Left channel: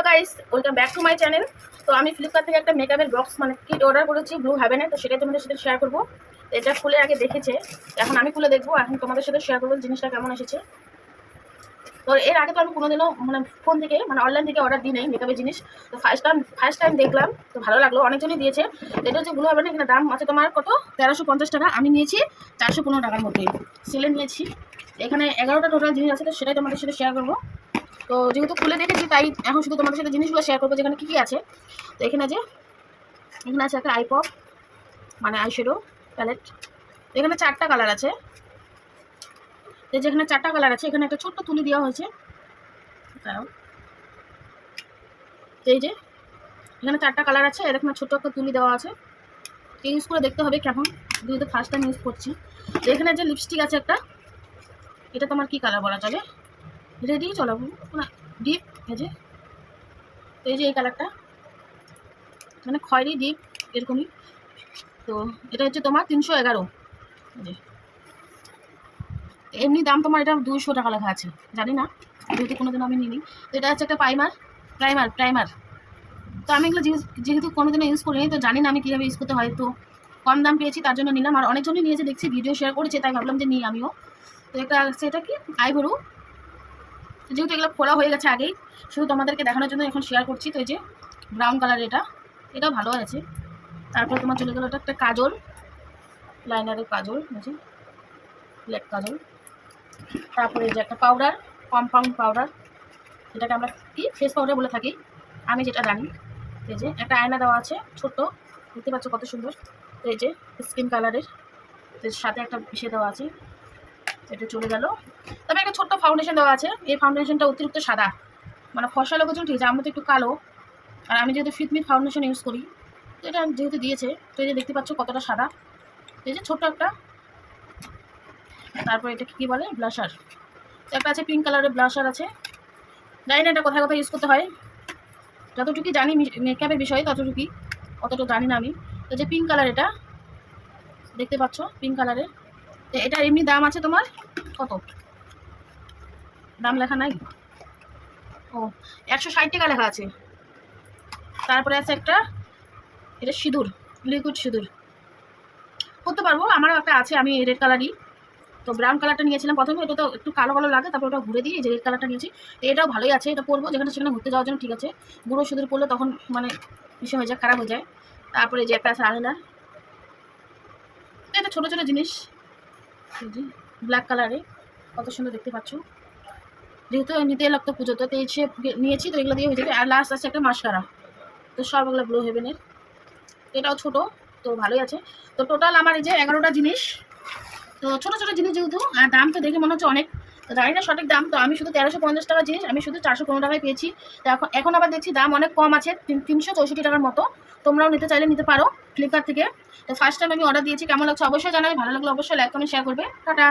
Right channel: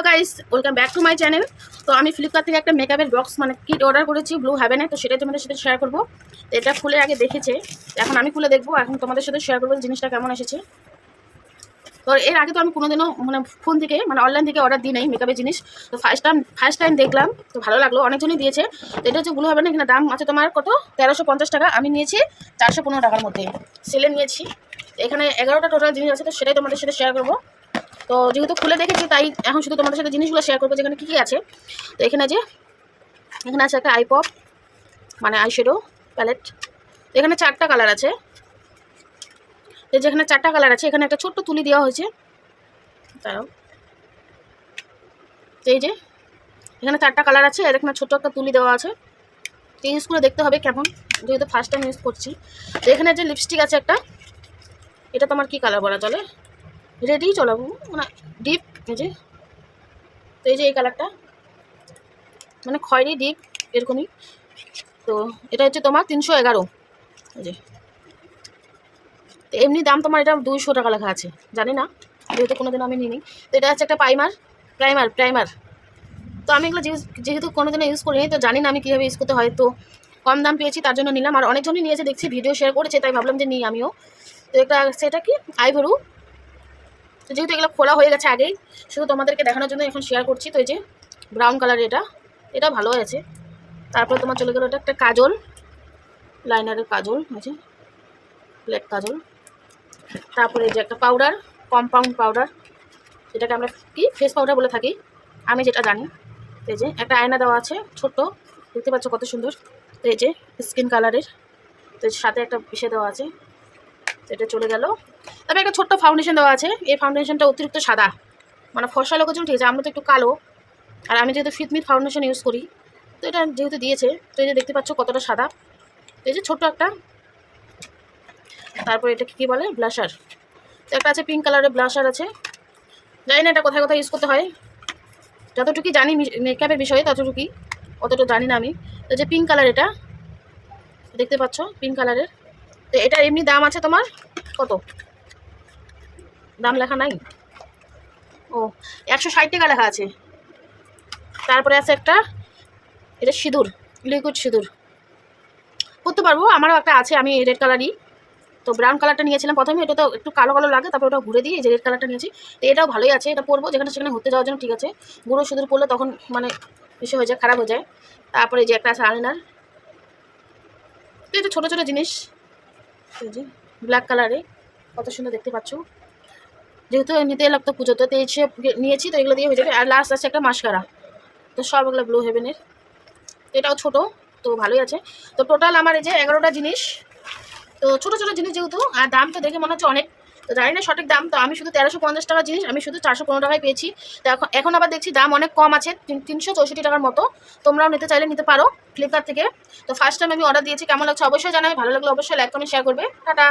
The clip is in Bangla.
Hello guys, welcome back to my channel. তো আমি ফ্লিপকার্ট থেকে একটা মেকআপের বক্স মানে কিট অর্ডার করেছি ব্লু হ্যাভেনে। তো সেটাই তোমাদের সাথে শেয়ার করবো। তো এটা খুলে আগে দেখেছে, এখন আমি খুলে দেখবো, এখন তোমাদের সাথে শেয়ার করবো জিনিসটা কেমন এসেছে। তো এর আগে তো আমি কোনোদিনও মানে ফোন থেকে মানে অনলাইন থেকে অর্ডার দিই নাই মেকআপের জিনিস। তো ফার্স্ট টাইম দেখলাম, তো ভালো লাগলো, অনেকজনই দিয়েছে। তো এটা হচ্ছে ব্লু হ্যাভেন, এখানে দাম আছে তোমার কত 1350 টাকা, আমি নিয়েছি 415 টাকার মধ্যে সেলে নিয়েছি। এখানে 11টা টোটাল জিনিস আছে, তো সেটাই তোমাদের সাথে শেয়ার করবো। তো যেহেতু খুলে দেখেছি তাই এখন শুধু তোমাদের সাথে জিনিসগুলো শেয়ার করবো যেখানে কী কী আছে। তো এখানে আছে একটা আইপপ মানে আইশ্যাডো প্যালেট। এখানে 4টা কালার আছে। যেখানে 4টা কালার আছে এখানে একটা ছোট্ট তুলি দেওয়া হয়েছে। তাও এই যে এখানে 4টা কালার আছে আর এখানে ছোট্ট একটা তুলি দেওয়া আছে। তো ইউজ করে দেখতে হবে কেমন, যেহেতু ফার্স্ট টাইম ইউজ করছি। তো এখানে যে লিপস্টিক আছে একটা, এটা তোমার কি কালার বলা চলে, রেডি চলাবো মানে ডিপ। এই যে এই কালারটা মানে খয়েরি ডিপ এরকমই। তো এটা হচ্ছে তোমার 311। এই যে এমনি দাম তোমার এটা 200 টাকা লেখা আছে, জানি না, যেহেতু কোনোদিনও আমি নিইনি। তো এটা হচ্ছে একটা প্রাইমার। তো আমি এগুলো যেহেতু কোনোদিনও ইউজ করিনি, তো জানি না আমি কীভাবে ইউজ করতে হয়। তো কম দাম পেয়েছি তার জন্য নিলাম, আর অনেকজনই নিয়েছে দেখছি, ভিডিও শেয়ার করেছে, তাই ভাবলাম যে নিই আমিও। তো এটা সেটা কি আইভরু। তো যেহেতু এগুলো খোলা হয়ে গেছে আগেই, শুধু তোমাদেরকে দেখানোর জন্য এখন শেয়ার করছি। তো এই যে ব্রাউন কালার, এটাও ভালো আছে। তারপর তোমার চলে গেলো এটা একটা কাজল, লাইনারের কাজল আছে, ব্ল্যাক কাজল। তারপরে এই যে একটা পাউডার, কম্পাউন্ড পাউডার, যেটাকে আমরা কি ফেস পাউডার বলে থাকি আমি যেটা জানি। এই যে একটা আয়না দেওয়া আছে ছোট্ট, দেখতে পাচ্ছ কত সুন্দর। এই যে স্কিন কালারের, তো সাথে একটা পিসে দেওয়া আছে, এটা চলে গেল। তবে একটা ছোট্ট ফাউন্ডেশন দেওয়া আছে। এই ফাউন্ডেশনটা অতিরিক্ত সাদা, মানে ফর্সা লোকের জন্য ঠিক আছে, আমরা তো একটু কালো, আর আমি যেহেতু ফিটমিট ফাউন্ডেশন ইউজ করি, তো এটা যেহেতু দিয়েছে, তো এই যে দেখতে পাচ্ছ কতটা সাদা। এই যে ছোট্ট একটা, তারপর এটা কী বলে ব্লাশার, তো একটা আছে পিঙ্ক কালারের ব্লাশার আছে। জানি না এটা কোথায় কোথায় ইউজ করতে হয়, যতটুকুই জানি মেকআপের বিষয়ে ততটুকুই, অতটা জানি না আমি। তো যে পিঙ্ক কালার, এটা দেখতে পাচ্ছ পিঙ্ক কালারের। তো এটা এমনি দাম আছে তোমার কত, দাম লেখা নাই, ও 160 টাকা লেখা আছে। তারপরে আছে একটা, এটা সিঁদুর, লিকুইড সিঁদুর করতে পারবো, আমারও একটা আছে, আমি রেড কালারই। তো ব্রাউন কালারটা নিয়েছিলাম প্রথমে, এটা তো একটু কালো কালো লাগে, তারপর ওটা ঘুরে দিয়ে এই যে রেড কালারটা নিয়েছি। তো এটাও ভালোই আছে, এটা পরবো যেখানে সেখানে ঘুরতে যাওয়ার জন্য ঠিক আছে। গুঁড়ো সিঁদুর পরলে তখন মানে বিষয় হয়ে যায়, খারাপ হয়ে যায়। তারপরে যে একটা আছে আয়নার, তো এটা ছোটো ছোটো জিনিস। এই যে ব্ল্যাক কালারে কত সুন্দর দেখতে পাচ্ছ, যেহেতু নিতে লাগতো পুজোতে, তো এই নিয়েছি, তো এগুলো দিয়ে হয়ে যাবে। আর লাস্ট আছে একটা মাস্কারা, তো সব এগুলো ব্লু হেভেনের, এটাও ছোটো, তো ভালোই আছে। তো টোটাল আমার এই যে 11টা জিনিস। তো ছোটো ছোটো জিনিস যেহেতু, আর দাম তো দেখে মনে হচ্ছে অনেক, তো জানি না সঠিক দাম। তো আমি শুধু 1350 টাকার জিনিস আমি শুধু 415 টাকায় পেয়েছি। তো এখন আবার দেখছি দাম অনেক কম আছে, 364 টাকার মতো। তোমরাও নিতে চাইলে নিতে পারো ফ্লিপকার্ট থেকে। তো ফার্স্ট টাইম আমি অর্ডার দিয়েছি, কেমন লাগছে অবশ্যই জানাই, ভালো লাগলে অবশ্যই লাইক কমেন্ট শেয়ার করবে। টাটা।